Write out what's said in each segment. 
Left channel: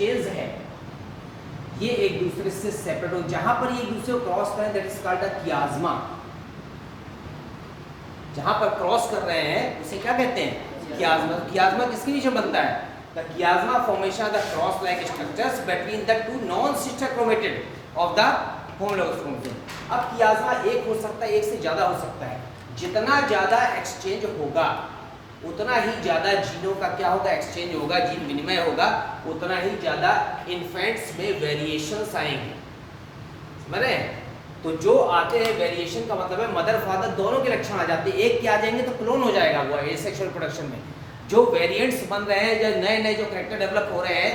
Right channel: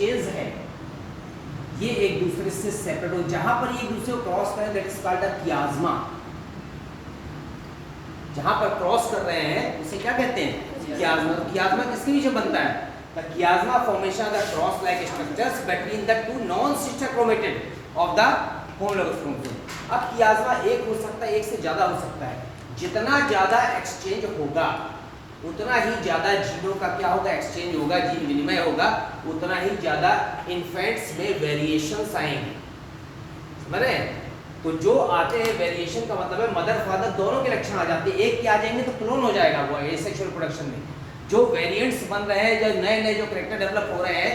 Exchange है ये एक दूसरे से सेपरेट हो, जहां पर ये एक दूसरे को क्रॉस करें दैट इज कॉल्ड अ कियाज्मा। जहां पर क्रॉस कर रहे हैं उसे क्या कहते हैं? कियाज्मा। कियाज्मा किसके बीच में बनता है? The chiasma formation of the cross like structures between the two non sister chromatid of the homologous chromosome. अब कियाज्मा एक हो सकता है, एक से ज्यादा हो सकता है। जितना ज्यादा एक्सचेंज होगा उतना ही ज्यादा जीनों का क्या होगा? एक्सचेंज होगा, जीन विनिमय होगा, उतना ही ज्यादा इन्फेंट्स में वेरिएशंस आएंगे। समझ रहे हैं? तो जो आते हैं वेरिएशन का मतलब है मदर फादर दोनों के लक्षण आ जाते हैं। एक के आ जाएंगे तो क्लोन हो जाएगा वो एसेक्सुअल रिप्रोडक्शन में। जो वेरिएंट्स बन रहे हैं, जो नए नए जो कैरेक्टर डेवलप हो रहे हैं,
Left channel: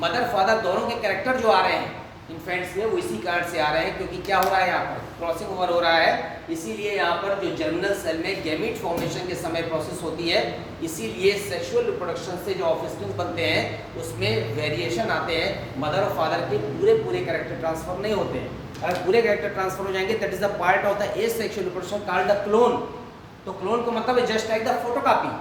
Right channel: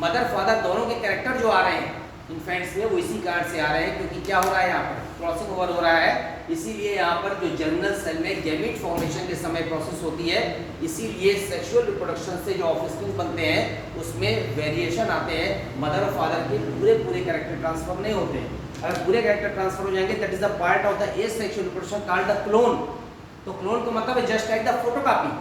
मदर फादर दोनों के कैरेक्टर जो आ रहे हैं इन्फेंट्स में, वो इसी कारण से आ रहे हैं क्योंकि क्या हो रहा है यहाँ पर? क्रॉसिंग ओवर हो रहा है। इसीलिए यहाँ पर जो जर्मिनल सेल में गैमीट फॉर्मेशन के समय प्रोसेस होती है, इसीलिए सेक्सुअल रिप्रोडक्शन से जो ऑफस्प्रिंग बनते हैं उसमें वेरिएशन आते हैं। मदर और फादर के पूरे कैरेक्टर ट्रांसफर नहीं होते हैं। अगर पूरे कैरेक्टर ट्रांसफर हो जाएंगे that is the part of the asexual reproduction called the clone. तो क्लोन का मतलब है जस्ट लाइक द फोटोकॉपी।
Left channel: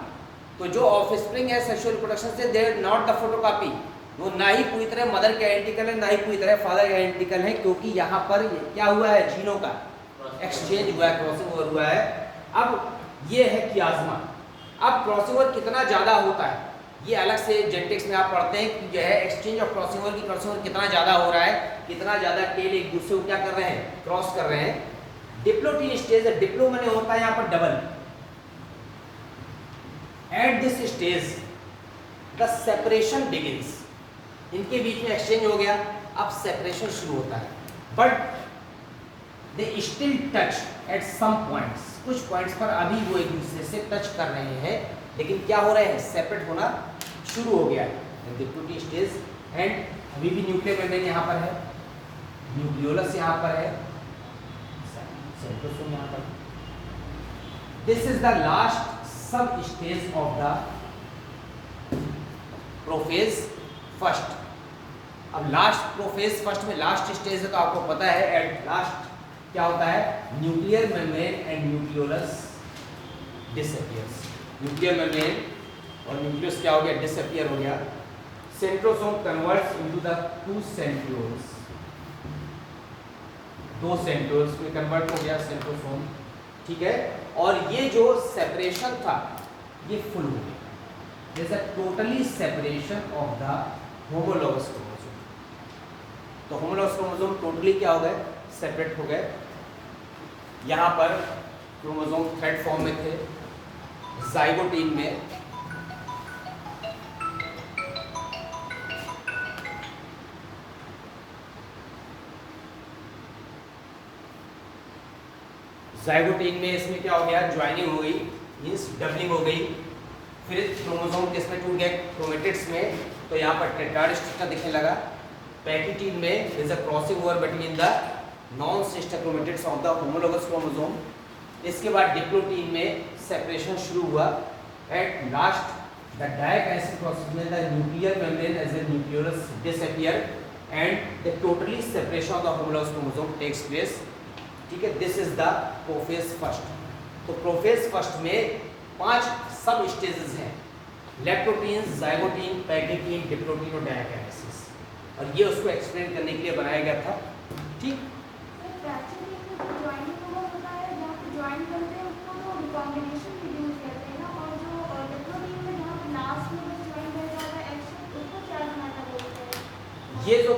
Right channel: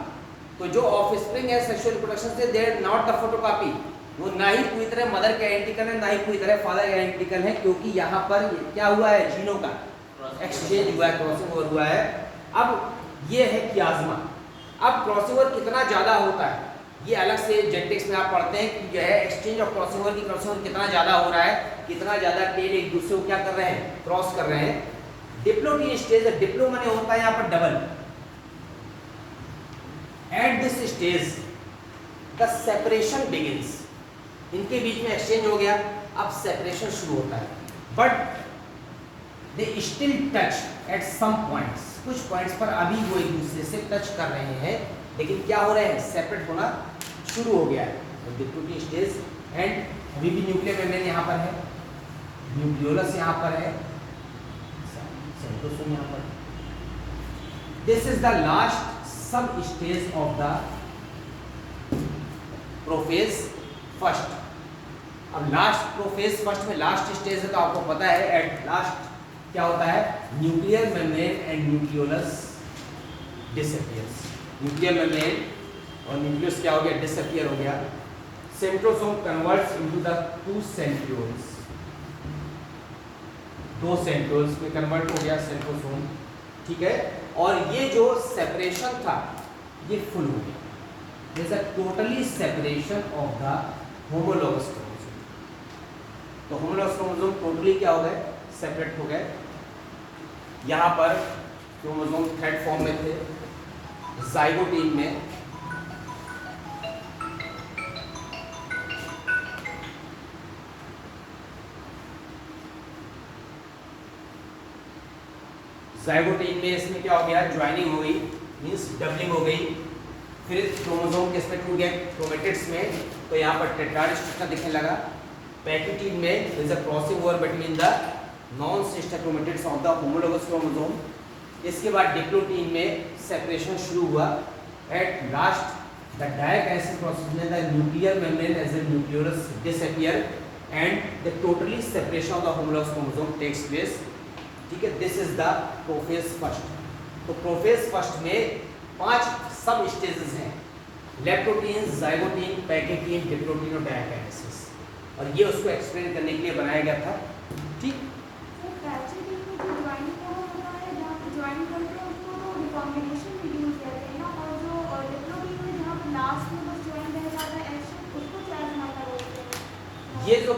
तो जो ऑफस्प्रिंग है सेक्सुअल रिप्रोडक्शन से, they are not the photocopy. वो ना ही पूरी तरह मदर के आइडेंटिकल है, ना ही पूरी तरह फादर के आइडेंटिकल है, क्योंकि यहाँ पर क्या हुआ है? जीनों का एक्सचेंज हुआ है, क्रॉसिंग ओवर हुआ है। अब ये है कियाज्मा। अब क्रॉसिंग ओवर कितना ज़्यादा होता है ये अलग से जेनेटिक्स में आप पढ़ते हैं कि जो है एक्सचेंज ऑफ क्रॉसिंग ओवर की क्रॉसिंग ओवर कितना ज़्यादा हो रहा है, कितना ज़्यादा टेल एक दूसरे को क्या कर रहे हैं? क्रॉस कर रहे हैं। डिप्लोटीन स्टेज, डिप्लो माने होता है यहाँ पर double. At this stage the separation begins. इनके बीच में एक्सचेंज हो गया, अब सेपरेशन शुरू होता है। But they still touch at some points. कुछ पॉइंट्स पर अभी वो एक दूसरे से टच कर रहे हैं, लेकिन क्या हो रहे हैं? सेपरेट होना शुरू हो गया है। डिप्लोटीन स्टेज एंड अभी भी न्यूक्लियर मेम्ब्रेन यहाँ पर है, न्यूक्लियोलस यहाँ पर है, साइटोसोम यहाँ पर। दिस इज द लास्ट सब stage of the prophase first. अब लास्ट प्रोफेज फर्स्ट में लास्ट स्टेज है तो आपको पता है एट लास्ट क्या होता है? Nuclear membrane and nucleolus disappears. Nuclear membrane और न्यूक्लियस क्या हो गया? डिसअपीयर हो गया। Centrosome converts into the two centrioles. दो सेंट्रियोल्स में कन्वर्ट हो गया सेंट्रोसोम, ठीक है। और ये जो सेपरेशन था ये फुल हो गया। There is a totally separation of the homologous chromosome. तो होमोलोगस क्रोमोसोम टोटली क्या हो गए? सेपरेट हो गए। यहाँ पर क्रोमोसोम थ्रेड फॉर्म में थे, जाइगोटीन में इसमें क्या हो गया? ज्वाइनिंग हो गई, मीन्स डबलिंग हो गई। फिर क्रोमोसोम किसमें टूट गए? क्रोमेटिड्स में। तो यहाँ पर टेट्राड स्ट्रक्चर दिखने लगा। पैकिटीन में is a crossing over between the non sister chromatids of the homologous chromosome. इसके बाद डिप्लोटीन में सेपरेशन शुरू हुआ। At last the diakinesis process में the nuclear membrane as a nucleolus disappear and the totally separation of the homologous chromosome takes place, ठीक है। This is the prophase first. तो prophase first में 5 sub stages हैं, leptotene, zygotene, pachytene, diplotene और diakinesis. और ये उसको explain करने के लिए बनाया गया था, ठीक। ये जो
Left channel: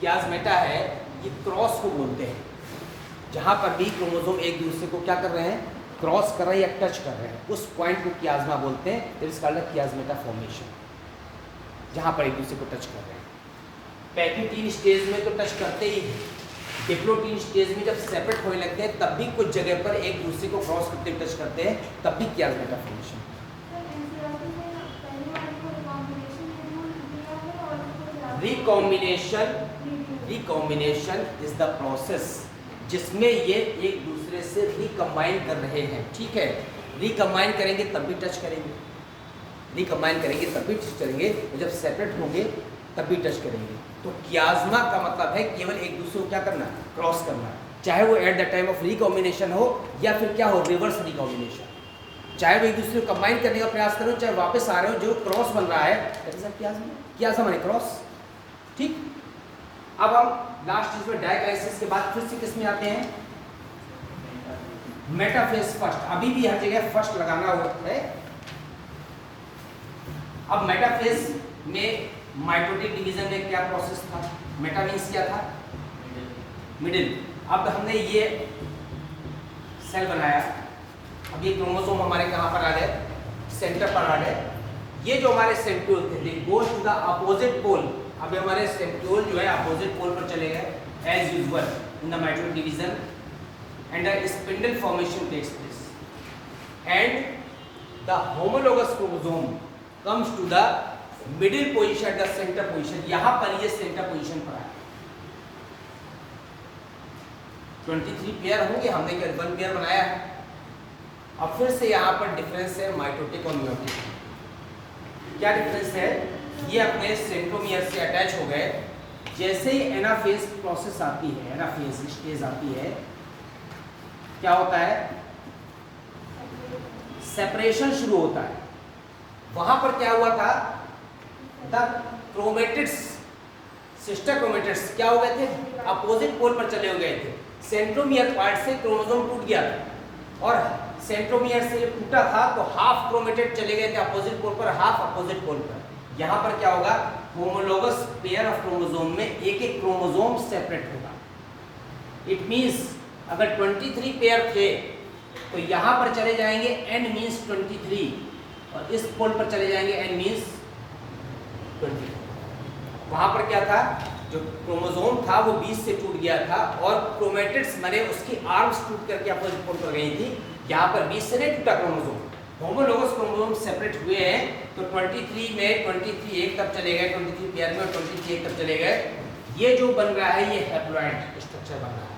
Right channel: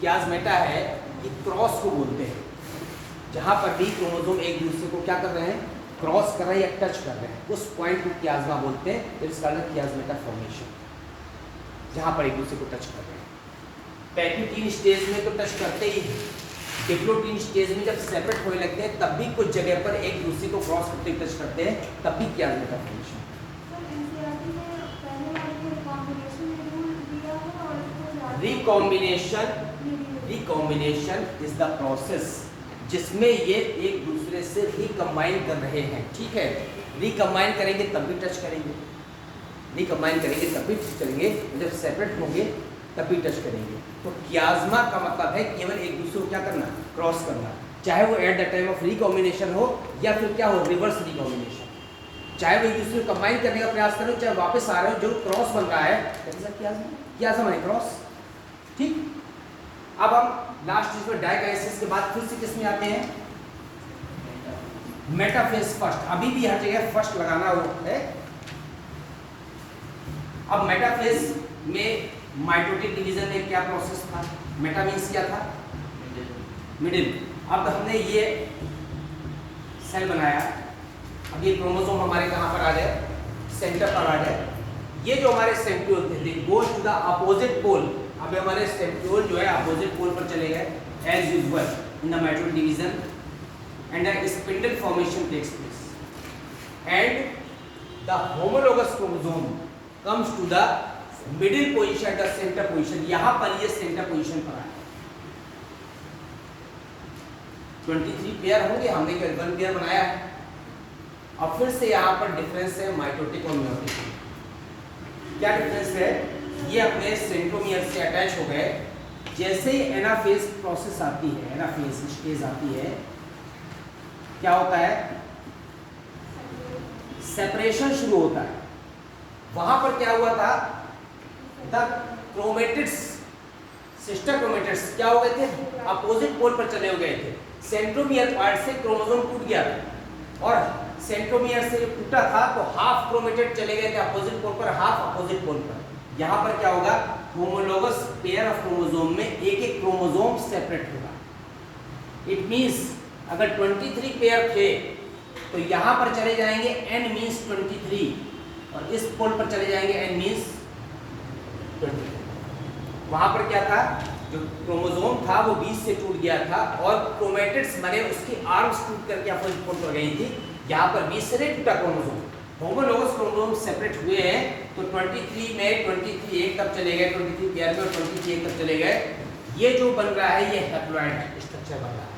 कियाज्मेटा है ये क्रॉस को बोलते हैं। जहाँ पर भी क्रोमोसोम एक दूसरे को क्या कर रहे हैं? क्रॉस कर रहे हैं या टच कर रहे हैं, उस पॉइंट को कियाज्मा बोलते हैं। इट इज कॉल्ड कियाज्मेटा फॉर्मेशन, जहाँ पर एक दूसरे को टच कर रहे हैं। पैकिटीन स्टेज में तो टच करते ही हैं, डिप्लोटीन स्टेज में जब सेपरेट होने लगते हैं तब भी कुछ जगह पर एक दूसरे को क्रॉस करते हुए टच करते हैं, तब भी chiasmata formation. Recombination is the process जिसमें ये एक दूसरे से रिकम्बाइन कर रहे हैं, ठीक है। रिकम्बाइन करेंगे तब भी टच करेंगे, रिकम्बाइन करेंगे तब भी टच करेंगे, जब सेपरेट होंगे तब भी टच करेंगे। तो कियाज्मा का मतलब है केवल एक दूसरे को क्या करना? क्रॉस करना, चाहे वो eight the time of recombination हो या फिर क्या हो? Reverse recombination. चाहे वो एक दूसरे को कंबाइन करने का प्रयास करो, चाहे वापस आ रहे हो, जो क्रॉस बन रहा है कियाज्मा है, क्रॉस। ठीक, अब हम लास्ट चीज में डाइकाइनेसिस के बाद फिर से किस में आते हैं, मेटाफेज फर्स्ट। अभी भी हर जगह फर्स्ट लगाना होता है। अब मेटाफेज में माइटोटिक डिवीजन में क्या प्रोसेस था, मेटा मीन्स क्या था, मिडिल। अब हमने ये सेल बनाया, अब ये क्रोमोसोम हमारे कहाँ पर आ गए, सेंटर पर आ गए। ये जो हमारे सेंट्रियोल थे they goes to the opposite pole. अब हमारे सेंट्रियोल जो है अपोजिट पोल पर चले गए as usual in the mitotic division and the spindle formation takes place and the homologous chromosome comes to the middle position, the centre position. यहां पर ये सेंटर पोजीशन पर आया। 23 पेयर होंगे, हमने केवल 1 पेयर बनाया है। अब फिर से यहाँ पर डिफरेंस है माइटोटिक और मियोटिक। क्या डिफरेंस है, ये अपने सेंट्रोमियर से अटैच हो गए। जैसे ही एनाफेज प्रोसेस आती है, एनाफेज स्टेज आती है, क्या होता है, सेपरेशन शुरू होता है। वहां पर क्या हुआ था, द क्रोमेटिड्स, सिस्टर क्रोमेटिड्स क्या हो गए थे, अपोजिट पोल पर चले हो गए थे। सेंट्रोमियर पार्ट से क्रोमोसोम टूट गया था और सेंट्रोमियर से टूटा था तो हाफ क्रोमेटिड चले गए थे अपोजिट पोल पर, हाफ अपोजिट पोल पर। यहाँ पर क्या होगा, होमोलोगस पेयर ऑफ क्रोमोसोम में एक एक क्रोमोसोम सेपरेट होगा। इट मींस अगर 23 पेयर थे तो यहाँ पर चले जाएंगे n मींस 23 और इस पोल पर चले जाएंगे n मींस 20। वहाँ पर क्या था, जो क्रोमोसोम था वो 20 से टूट गया था और क्रोमेटिड्स मरे, उसकी आर्म्स टूट करके अपोजिट पोल पर गई थी। यहाँ पर 20 से नहीं टूटा क्रोमोसोम, होमोलोगस क्रोमोसोम सेपरेट हुए हैं। तो 23 में 23 एक तरफ चले गए, 23 पेयर में 23 एक तरफ चले गए। ये जो बन रहा है ये हैप्लॉइड स्ट्रक्चर बन रहा है।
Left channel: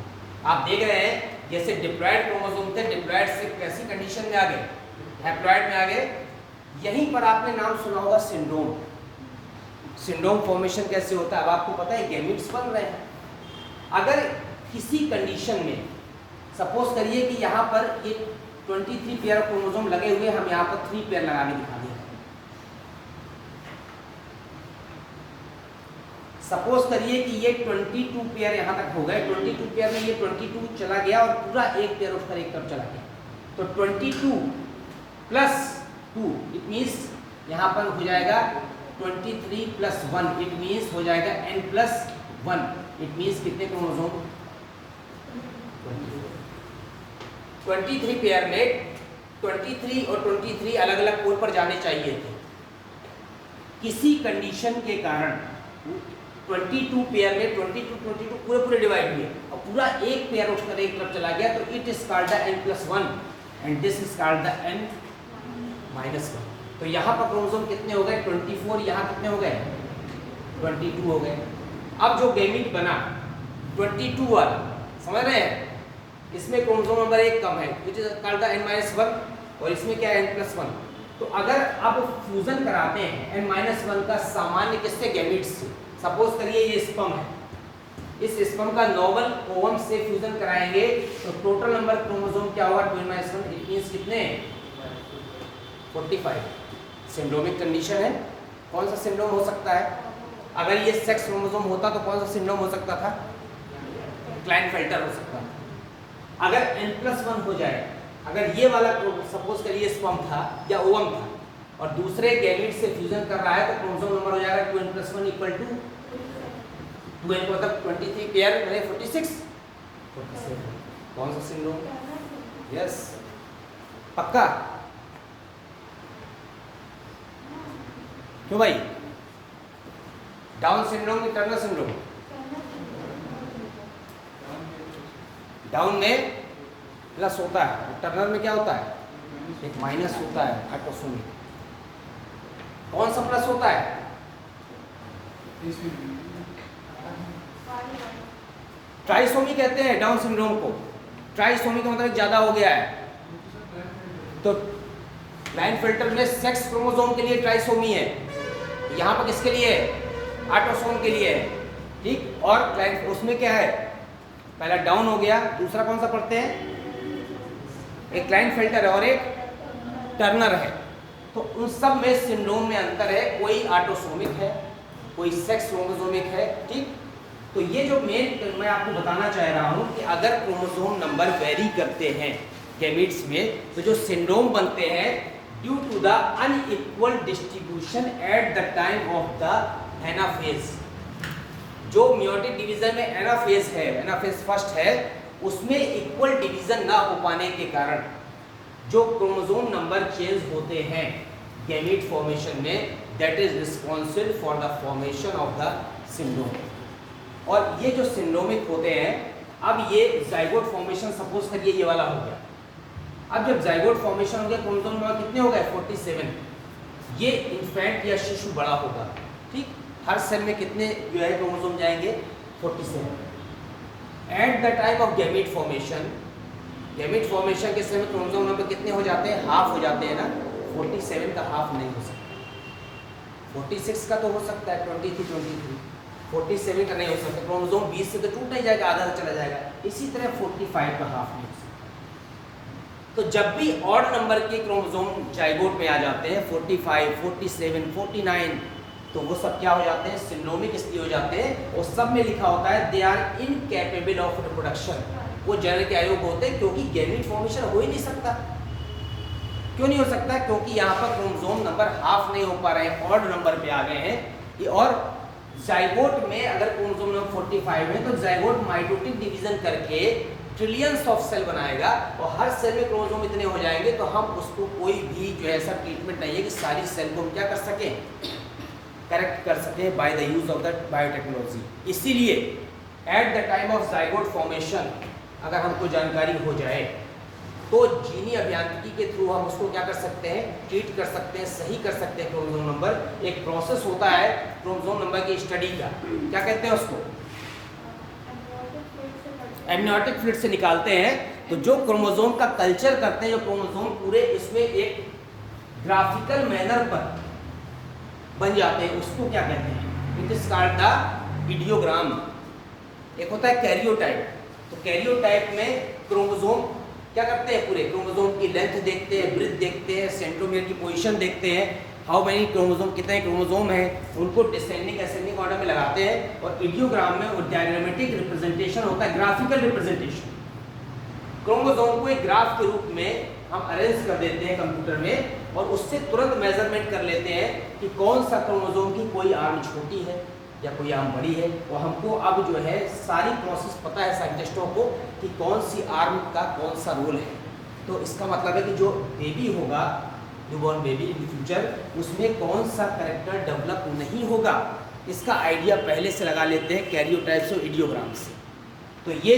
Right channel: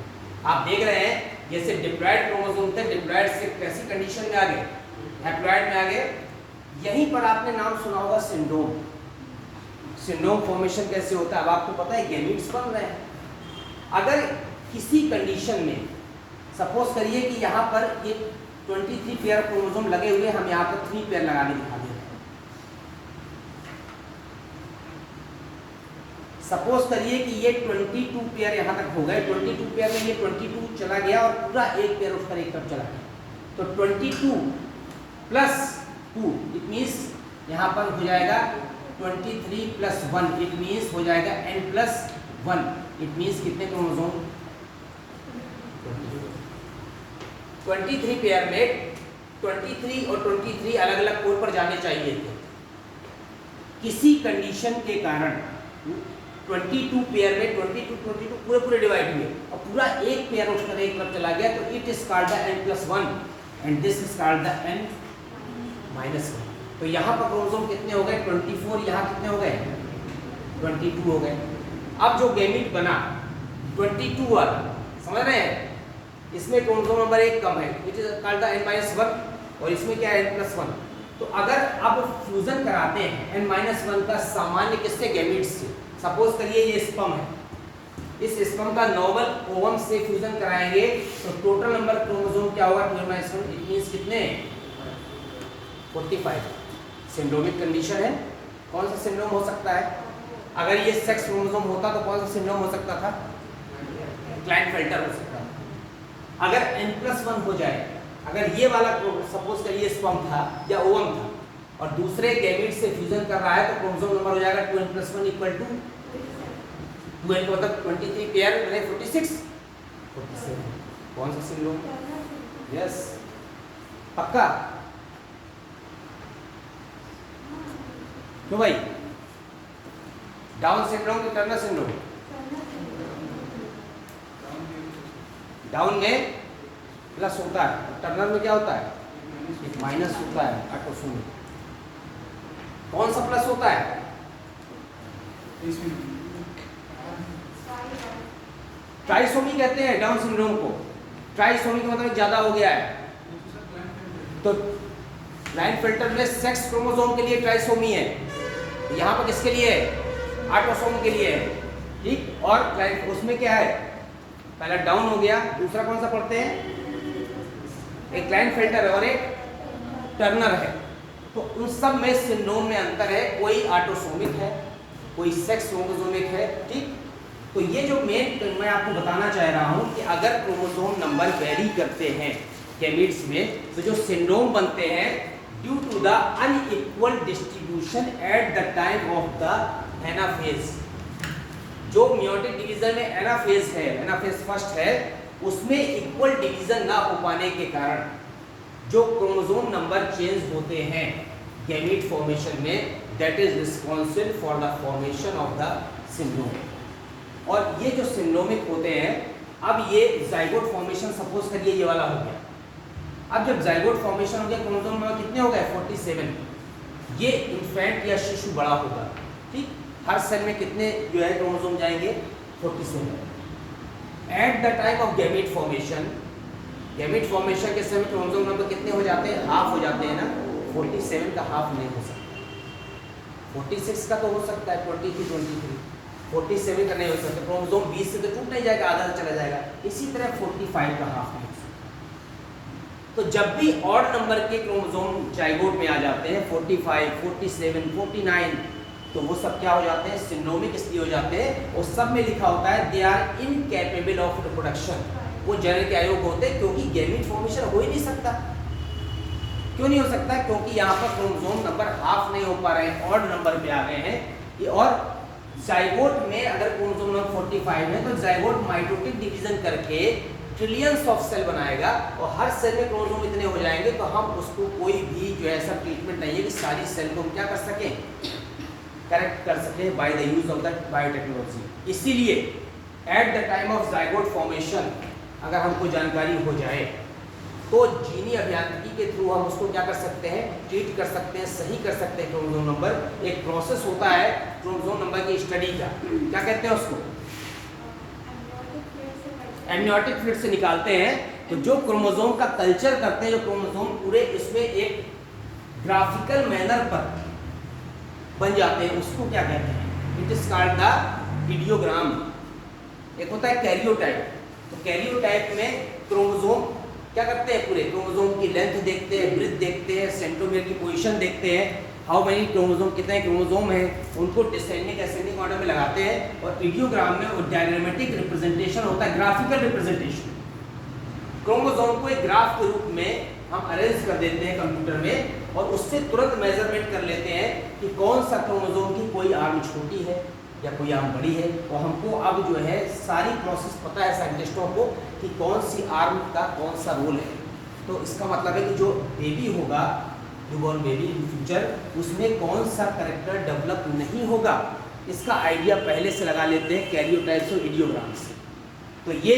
आप देख रहे हैं जैसे डिप्लॉइड क्रोमोसोम थे, डिप्लॉइड से कैसी कंडीशन में आ गए, हैप्लॉइड में आ गए। यहीं पर आपने नाम सुना होगा सिंड्रोम। सिंड्रोम फॉर्मेशन कैसे होता है, अब आपको पता है, गैमीट्स बन रहे हैं। अगर किसी कंडीशन में सपोज करिए कि यहाँ पर ये 23 पेयर क्रोमोसोम लगे हुए, हम यहाँ पर 3 पेयर लगाने दिखा दिए। सपोज करिए कि ये 22 पेयर यहाँ तक हो गए, 22 पेयर में ये 22 चला गया और पूरा एक पेयर उसका एक तरफ चला गया। तो 22 प्लस 2 इट मीन्स यहाँ पर हो जाएगा 23 प्लस 1 इट मीन्स हो जाएगा n प्लस 1। इट मीन्स कितने क्रोमोसोम, 23 पेयर में 23 और 23 अलग अलग पोल पर जाने चाहिए थे। किसी कंडीशन के कारण 22 पेयर में 22 पूरे डिवाइड हुए और पूरा एक पेयर उठकर एक तरफ चला गया। तो it is called the n+1 and this is called the n-1। तो यहाँ पर क्रोमोसोम कितने हो गए, 24। यहाँ कितने हो गए, 22 हो गए। अब जो गैमीट बना 22 वाला, समझ रहे हैं, इसमें क्रोमोसोम नंबर 1 कम है which is called the n-1 और इसमें क्या है n+1। तो अगर आप फ्यूजन कराते हैं n-1 का सामान्य किससे, गैमीट से। सपोज करिए ये स्पर्म है, इस स्पर्म का नॉर्मल ओवम से फ्यूजन कराएंगे तो टोटल नंबर क्रोमोसोम क्या होगा, 2n-1। इट मींस कितने, 45। सिंड्रोमिक कंडीशन है। कौन सा सिंड्रोम हो सकता है, अगर ये सेक्स क्रोमोसोम होता तो कौन सा सिंड्रोम हो सकता था, क्लाइनफेल्टर हो सकता था। अगर n+1 हो जाए, अगर ये वाला सपोज करिए स्पर्म था या ओवम था और दूसरे गैमीट से फ्यूजन कर रहा है तो क्रोमोसोम नंबर हो जाएगा 2n+1 इक्वल टू 2n को मतलब 23 पेयर बने 46 47। कौन सा सिंड्रोम, यस पक्का, क्यों भाई, डाउन सिंड्रोम की टर्नर सिंड्रोम, डाउन में प्लस होता है, टर्नर में क्या होता है, एक माइनस होता है ऑटोसोमी। कौन सा प्लस होता है, ट्राइसोमी कहते हैं डाउन सिंड्रोम को। ट्राइसोमी का मतलब ज्यादा हो गया है। तो क्लाइनफेल्टर में सेक्स क्रोमोसोम के लिए ट्राइसोमी है, यहाँ पर किसके लिए है, ऑटोसोम के लिए है, ठीक। और उसमें क्या है, पहला डाउन हो गया, दूसरा कौन सा पढ़ते हैं, एक क्लाइनफेल्टर और एक टर्नर है। तो उन सब में सिंड्रोम में अंतर है, कोई ऑटोसोमिक है कोई सेक्स क्रोमोसोमिक है, ठीक। तो ये जो मेन मैं आपको बताना चाह रहा हूँ कि अगर क्रोमोसोम नंबर वेरी करते हैं गैमीट्स में, तो जो सिंड्रोम बनते हैं due to the unequal distribution at the time of the anaphase. जो मियोटिक डिवीजन में एनाफेज है, एनाफेज फर्स्ट है, उसमें इक्वल डिवीजन ना हो पाने के कारण जो क्रोमोसोम नंबर चेंज होते हैं गैमीट फॉर्मेशन में, that is responsible for the formation of the syndrome. और ये जो सिंड्रोमिक होते हैं, अब ये जाइगोट फॉर्मेशन सपोज करिए ये वाला हो गया। अब जब जाइगोट फॉर्मेशन हो गया, क्रोमोसोम नंबर कितने हो गए 47। ये इन्फेंट या शिशु बड़ा होगा, ठीक। हर सेल में कितने जो है क्रोमोसोम जाएंगे 47। Eight the time of gamete formation, gamete formation के समय क्रोमोसोम नंबर कितने हो जाते हैं, हाफ हो जाते हैं ना। 47 का हाफ नहीं हो सकता, 46 का तो हो सकता है, 22 23, 47 का नहीं हो सकता। क्रोमोसोम 20 से तो टूट नहीं जाएगा, आधा चला जाएगा। इसी तरह 45 का हाफ नहीं हो सकता। तो जब भी ऑड नंबर के क्रोमोसोम जाइगोट में आ जाते हैं 45, 47, 49, तो वो सब क्या हो जाते हैं, सिंड्रोमिक इसलिए हो जाते हैं। और सब में लिखा होता है they are incapable of reproduction. वो जनन के अयोग्य होते हैं क्योंकि गैमीट फॉर्मेशन हो ही नहीं सकता। क्यों नहीं हो सकता? क्योंकि यहाँ पर क्रोमोसोम नंबर हाफ नहीं हो पा रहे हैं, ऑड नंबर पे आ गए हैं। और जाइगोट में अगर क्रोमोसोम नंबर 45 है तो जाइगोट माइटोटिक डिवीजन करके ट्रिलियंस ऑफ सेल बनाएगा और हर सेल में क्रोमोसोम इतने हो जाएंगे तो हम उसको कोई भी जो ऐसा ट्रीटमेंट नहीं है कि सारी सेल को हम क्या कर सकें, करेक्ट कर सकें by the use of the biotechnology. इसीलिए at the time of zygote formation अगर हमको जानकारी हो जाए तो जीनी अभियांत्रिकी के थ्रू हम उसको क्या कर सकते हैं, ट्रीट कर सकते हैं, सही कर सकते हैं क्रोमोसोम नंबर। एक प्रोसेस होता है क्रोमोसोम नंबर की स्टडी का, क्या कहते हैं उसको, एमनियोटिक फ्लूइड से निकालते हैं। तो जो क्रोमोसोम का कल्चर करते हैं, जो क्रोमोसोम पूरे इसमें एक ग्राफिकल मैनर पर बन जाते हैं, उसको क्या कहते हैं, इट इज कॉल्ड द इडियोग्राम। एक होता है कैरियोटाइप। तो कैरियोटाइप में क्रोमोसोम क्या करते हैं, पूरे क्रोमोसोम की लेंथ देखते हैं, ब्रीथ देखते हैं, सेंट्रोमियर की पोजीशन देखते हैं, हाउ मेनी क्रोमोसोम, कितने क्रोमोसोम हैं, उनको डिसेंडिंग असेंडिंग ऑर्डर में लगाते हैं। और इडियोग्राम में वो डायग्रामेटिक रिप्रेजेंटेशन होता है, ग्राफिकल रिप्रेजेंटेशन। क्रोमोसोम को एक ग्राफ के रूप में हम अरेंज कर देते हैं कंप्यूटर में और उससे तुरंत मेजरमेंट कर लेते हैं कि कौन सा क्रोमोसोम की कोई आर्म छोटी है या कोई आर्म बड़ी है। और हमको अब जो है सारी प्रोसेस पता है साइंटिस्टों को कि कौन सी आर्म का कौन सा रोल है। तो इसका मतलब है कि जो बेबी होगा, न्यूबॉर्न बेबी इन फ्यूचर, उसमें कौन सा कैरेक्टर डेवलप नहीं होगा, इसका आइडिया पहले से लगा लेते हैं कैरियोटाइप्स और इडियोग्राम से। तो ये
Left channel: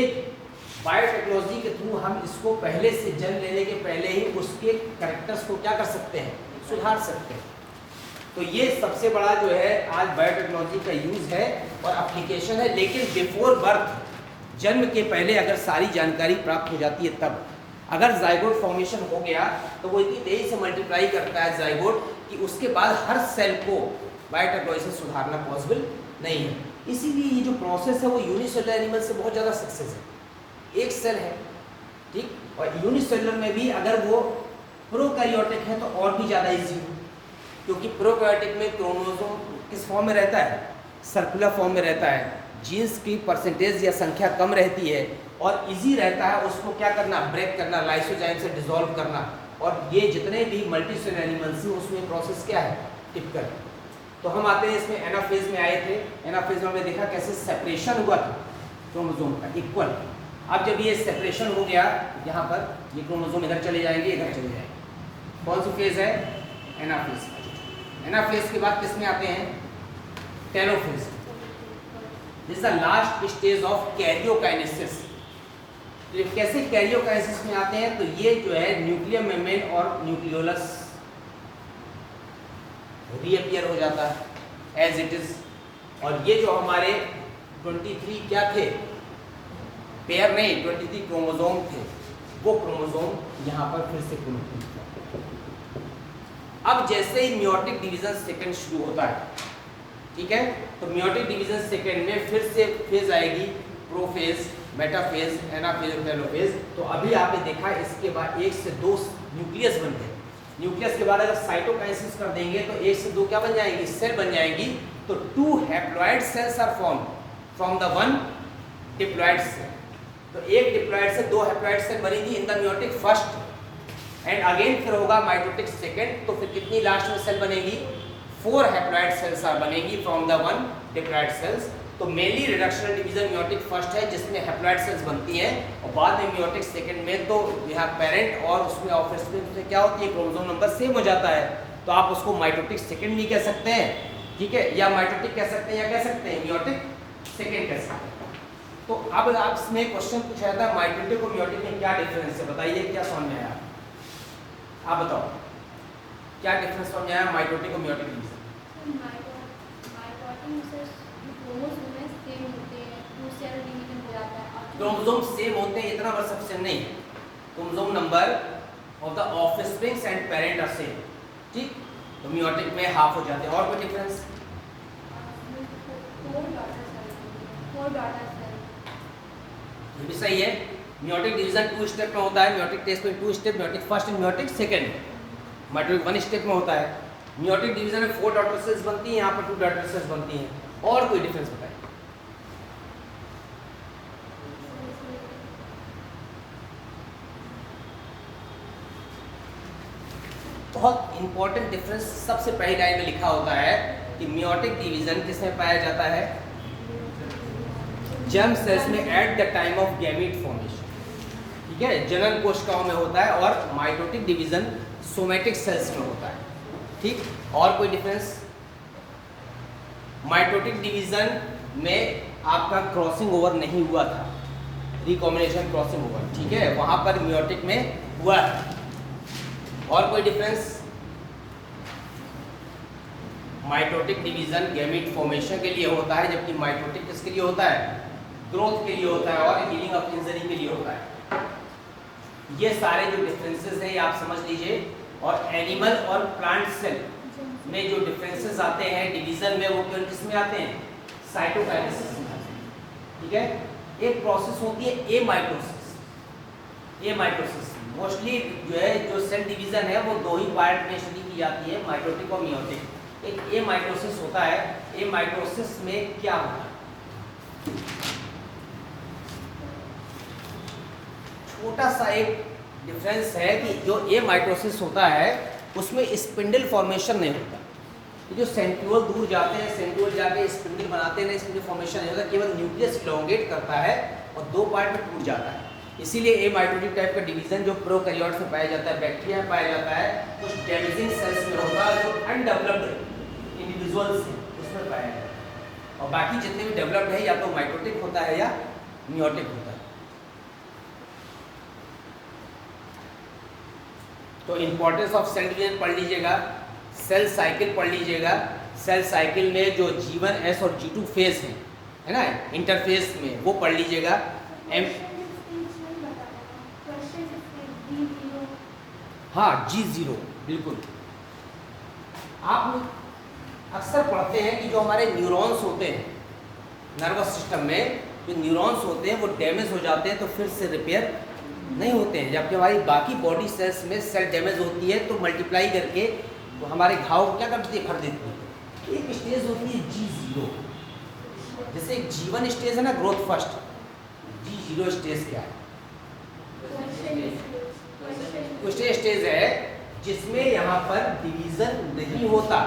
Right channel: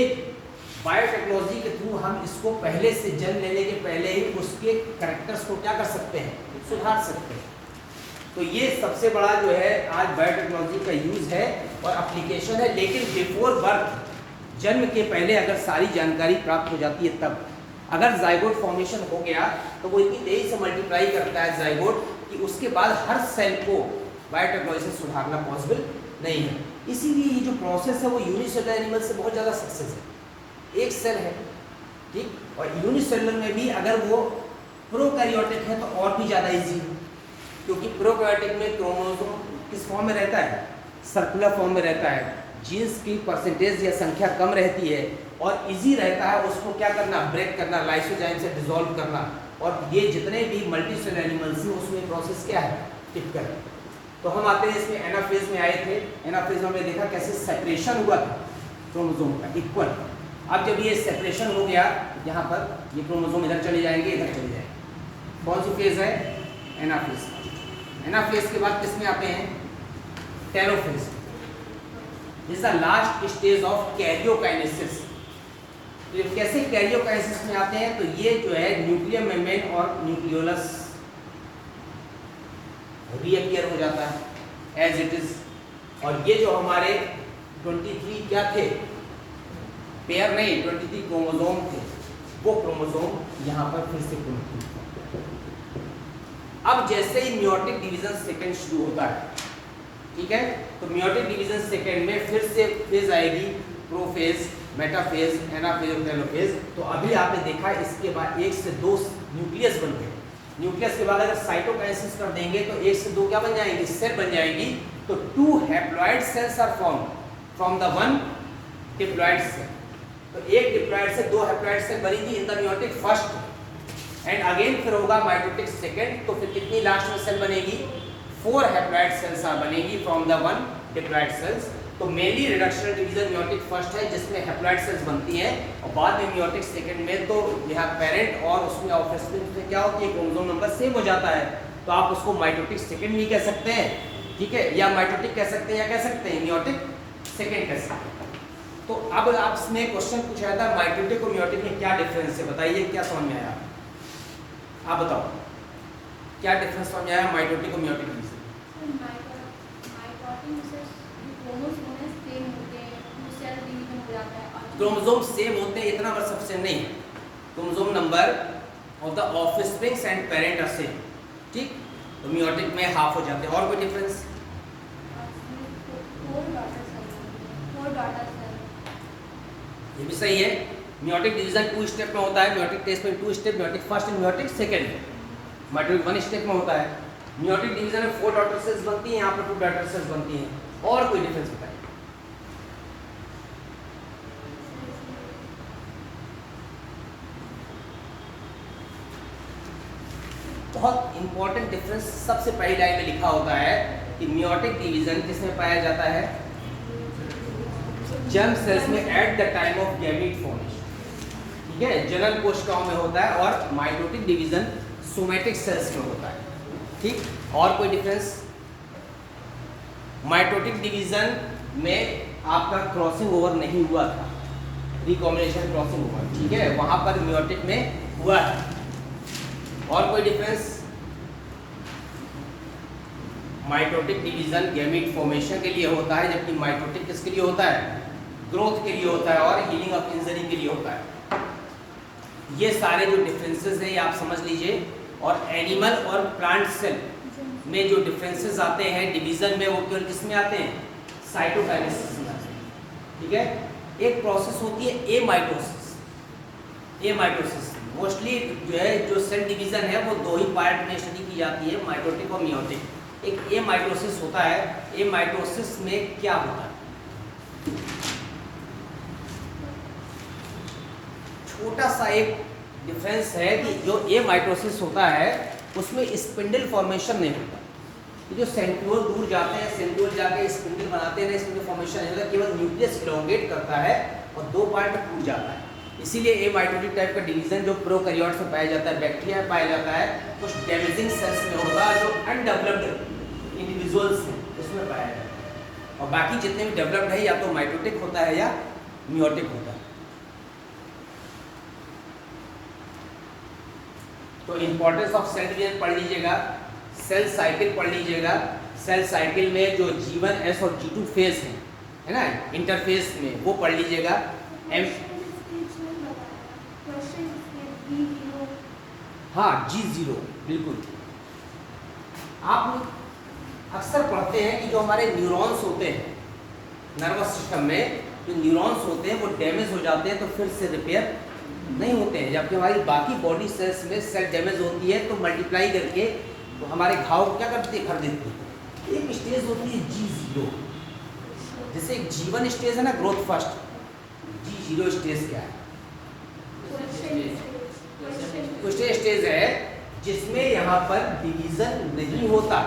बायोटेक्नोलॉजी के थ्रू हम इसको पहले से जन्म लेने के पहले ही उसके कैरेक्टर्स को क्या कर सकते हैं, सुधार सकते हैं। तो ये सबसे बड़ा जो है आज बायोटेक्नोलॉजी का यूज़ है और एप्लीकेशन है। लेकिन बिफोर बर्थ, जन्म के पहले अगर सारी जानकारी प्राप्त हो जाती है, तब अगर जाइगोट फॉर्मेशन हो गया तो वो इतनी तेजी से मल्टीप्लाई करता है जाइगोट कि उसके बाद हर सेल को बायोटेक्नोलॉजी से सुधारना पॉसिबल नहीं है। इसीलिए ये जो प्रोसेस है वो यूनिसेलुलर एनिमल से बहुत ज़्यादा सक्सेस है। एक सेल है, ठीक, और यूनिसेलुलर में भी अगर वो प्रोकैरियोटिक है तो और भी ज़्यादा ईजी है, क्योंकि प्रोकैरियोटिक में क्रोमोसोम किस फॉर्म में रहता है, सर्कुलर फॉर्म में रहता है, जीन्स की परसेंटेज या संख्या कम रहती है और इजी रहता है उसको क्या करना, ब्रेक करना, लाइसोजाइम से डिसॉल्व करना। और ये जितने भी मल्टीसेलुलर एनिमल्स हैं उसमें प्रोसेस क्या है, टिपिकल। तो हम आते हैं इसमें एनाफेज में आए थे। एनाफेज में हमने देखा कैसे सेपरेशन हुआ था क्रोमोसोम का इक्वल। अब जब ये सेपरेशन हो गया, यहाँ पर ये क्रोमोसोम इधर चले जाएंगे, इधर चले जाएंगे। कौन सी फेज है, एनाफेज। एनाफेज के बाद किसमें आते हैं, telophase. This is the last stage of karyokinesis. तो ये कैसे कैरियोकाइनेसिस में आते हैं, तो ये जो है न्यूक्लियर मेम्ब्रेन और न्यूक्लियोलस रीअपियर हो जाता है एज इट इज। और ये जो हमारे 23 क्या थे, पेयर नहीं 23 क्रोमोसोम थे, वो क्रोमोसोम यहाँ पर फिर से कनेक्ट होते हैं। अब जैसे ही मियोटिक डिवीजन सेकंड शुरू होता है, ठीक है, तो मियोटिक डिवीजन सेकंड में फिर से फेज आएगी, प्रोफेज, मेटाफेज, एनाफेज और टेलोफेज। तो अभी आपने देखा इसके बाद 1 से 2 न्यूक्लियस बन गए। न्यूक्लियस के बाद अगर साइटोकाइनेसिस कर देंगे तो 1 से 2 क्या बन जाएंगी, सेल बन जाएंगी। तो 2 haploid cells are form from the 1 diploid cell. तो एक डिप्लॉइड से 2 हैप्लॉइड सेल बनी थी in the meiotic first and again फिर होगा माइटोटिक सेकंड। तो फिर कितनी लास्ट में सेल बनेगी? 4 हैप्लॉइड सेल्स आर बनेगी फ्रॉम द 1 डिप्लॉइड सेल्स। तो mainly reductional division meiotic first है जिसमें हैप्लॉइड सेल्स बनती हैं और बाद में मियोटिक सेकंड में तो यह पेरेंट और उसमें ऑफस्प्रिंग में क्या होती है, क्रोमोसोम नंबर सेम हो जाता है। तो आप उसको माइटोटिक सेकंड भी कह सकते हैं, ठीक है, या माइटोटिक कह सकते हैं या कह सकते हैं मियोटिक सेकंड कह सकते हैं। तो अब आपने क्वेश्चन पूछा था माइटोटिक और मियोटिक में क्या डिफरेंस है, बताइए क्या समझ में आया? आप बताओ क्या डिफरेंस समझ आया माइटोटिक और मियोटिक में? क्रोमोसोम सेम होते हैं इतना बस सबसे नहीं, chromosome number of the offsprings and parent are same, ठीक। तो मियोटिक में हाफ हो जाते हैं। और कोई डिफरेंस? ये भी सही है। मियोटिक डिवीजन 2 स्टेप में होता है, मियोटिक टेस्ट में 2 step, meiotic first and meiotic second. Mitotic 1 step में होता है। मियोटिक डिवीजन में 4 डॉटर सेल्स बनती हैं, यहाँ पर 2 डॉटर सेल्स बनती हैं। और कोई डिफरेंस बताइए? बहुत इंपॉर्टेंट डिफरेंस सबसे पहली लाइन में लिखा होता है कि मियोटिक डिवीजन किसमें पाया जाता है? जर्म सेल्स में eight the time of gamete formation, ठीक है, जनन कोशिकाओं में होता है। और माइटोटिक डिवीजन सोमेटिक सेल्स में होता है, ठीक। और कोई डिफरेंस? माइटोटिक डिवीजन में आपका क्रॉसिंग ओवर नहीं हुआ था, रिकॉम्बिनेशन क्रॉसिंग ओवर, ठीक है, वहां पर मियोटिक में हुआ है। और कोई difference? Mitotic division gamete formation के लिए होता है, जबकि माइटोटिक किसके लिए होता है? ग्रोथ के लिए होता है और हीलिंग ऑफ इंजरी के लिए होता है। ये सारे जो डिफरेंसेस हैं ये आप समझ लीजिए। और एनिमल और प्लांट सेल में जो डिफरेंसेस आते हैं डिवीजन में, वो केवल किस में आते हैं? साइटोकाइनेसिस में आते हैं, ठीक है। एक प्रोसेस होती है एमाइटोसिस। एमाइटोसिस मोस्टली जो है जो सेल डिवीजन है वो 2 ही पार्ट में स्टडी की जाती है, माइटोटिक और मियोटिक। एक एमाइटोसिस होता है। एमाइटोसिस में क्या होता है? छोटा सा एक डिफरेंस है कि जो एमाइटोसिस होता है उसमें स्पिंडल फॉर्मेशन नहीं होता। जो सेंट्रियोल दूर जाते हैं, सेंट्रियोल जाके स्पिंडल बनाते हैं, स्पिंडल फॉर्मेशन नहीं होता, केवल न्यूक्लियस इलोंगेट करता है और 2 पार्ट में टूट जाता है। इसीलिए एमाइटोटिक टाइप का डिवीजन जो प्रोकैरियोट्स में पाया जाता है, बैक्टीरिया में पाया जाता है, कुछ डैमेजिंग सेल्स में होगा जो अनडेवलप्ड इंडिविजुअल्स हैं उसमें पाया जाता है। और बाकी जितने भी डेवलप्ड है या तो माइटोटिक होता है या मियोटिक होता है। तो इंपॉर्टेंस ऑफ सेल डिवीजन पढ़ लीजिएगा, सेल साइकिल पढ़ लीजिएगा। सेल साइकिल में जो G1, S और G2 फेज है ना, इंटरफेस में, वो पढ़ लीजिएगा। हाँ, G0 बिल्कुल। आप अक्सर पढ़ते हैं कि जो हमारे न्यूरॉन्स होते हैं नर्वस सिस्टम में, जो न्यूरॉन्स होते हैं वो डैमेज हो जाते हैं तो फिर से रिपेयर नहीं होते हैं, जबकि हमारी बाकी बॉडी सेल्स में सेल डैमेज होती है तो मल्टीप्लाई करके तो हमारे घाव क्या करती है? भर देती है। एक स्टेज होती है G0, जैसे एक G1 स्टेज है ना, ग्रोथ फर्स्ट। G0 स्टेज क्या है? क्वेश्चन स्टेज है जिसमें यहाँ पर डिवीजन नहीं होता।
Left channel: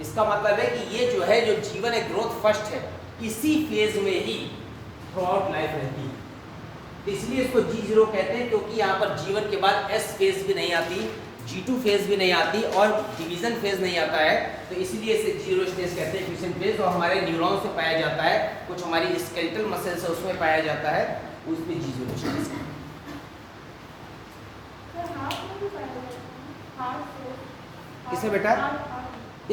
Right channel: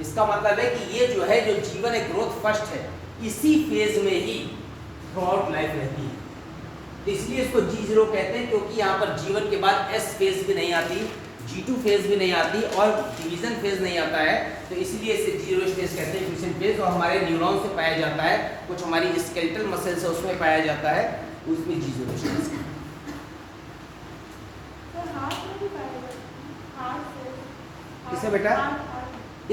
इसका मतलब है कि ये जो है जो G1 है, ग्रोथ फर्स्ट है, इसी फेज में ही थ्रू आउट लाइफ रहती है। तो इसलिए इसको G0 कहते हैं, क्योंकि यहाँ पर G1 के बाद S फेज भी नहीं आती, G2 फेज भी नहीं आती और डिवीजन फेज नहीं आता है। तो इसलिए इसे 0 स्टेज कहते हैं, फ्यूजन फेज। और हमारे न्यूरॉन्स से पाया जाता है, कुछ हमारी स्केलेटल मसल्स है उसमें पाया जाता है, उसमें G0 स्टेज। किसे बेटा?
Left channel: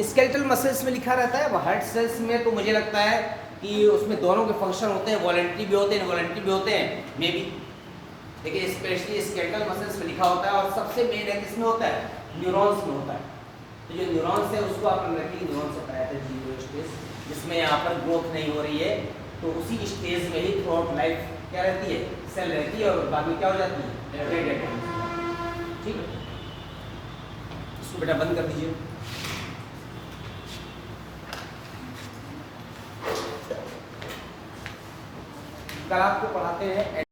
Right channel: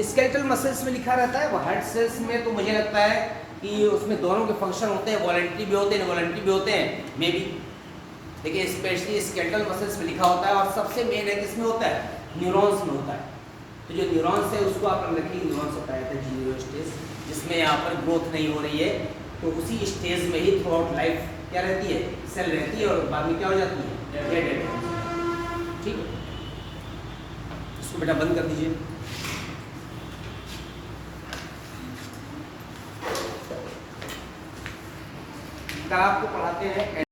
स्केलेटल मसल्स में लिखा रहता है। हार्ट सेल्स में तो मुझे लगता है कि उसमें दोनों के फंक्शन होते हैं, वॉलंटरी भी होते हैं, इनवॉलंटरी भी होते हैं मे बी, लेकिन स्पेशली स्केलेटल मसल्स में लिखा होता है। और सबसे मेन है किसमें होता है? न्यूरॉन्स में होता है। तो जो न्यूरॉन्स है उसको आप रखिए, न्यूरॉन्स होता है G0 स्टेज, जिसमें यहाँ पर ग्रोथ नहीं हो रही है। तो उसी स्टेज में ही थ्रू आउट लाइफ क्या रहती है? सेल रहती है और बाद में क्या हो जाती है? ठीक है, इसको बेटा बंद कर दीजिए। कल आपको पढ़ाते हैं